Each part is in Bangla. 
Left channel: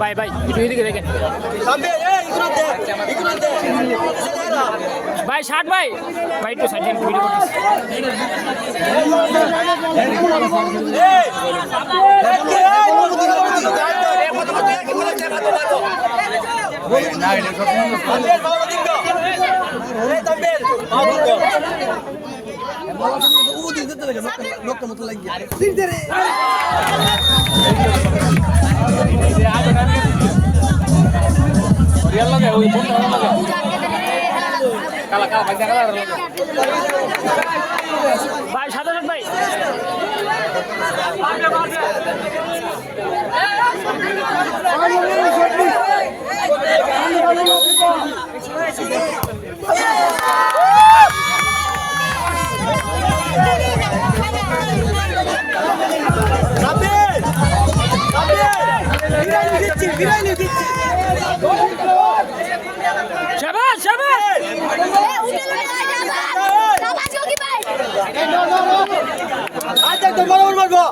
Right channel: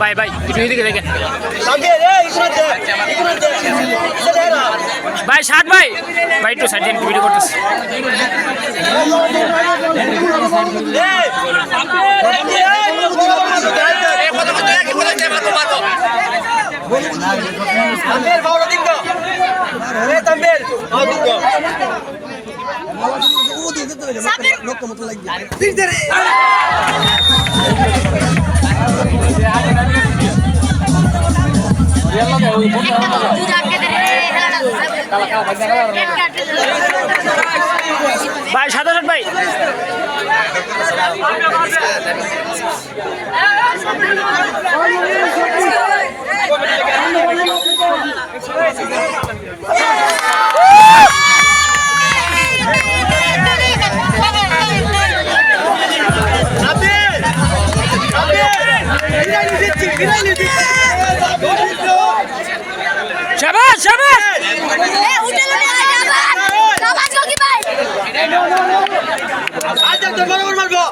ভাই ভাই একটু এদিকে দেখেন ভাই ষাট ভাই ভাই একটু সাইড ভিডিও করতেছি ভাই ৭৭ ভাই শাবাশ শাবাশ উঠে শাবাশ কি ভাই আজ তো মারবো মারবো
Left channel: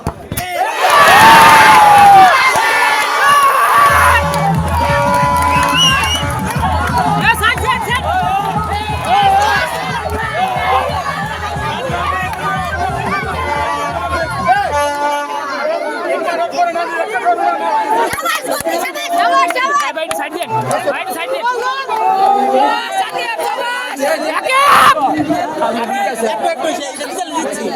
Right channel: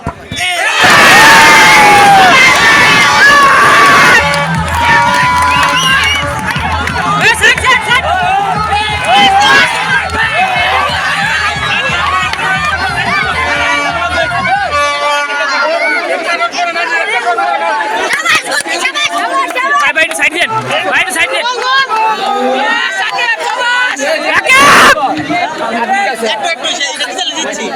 ভাই সাইড দেন ভাই সাইড দেন একটু একটু দিচ্ছি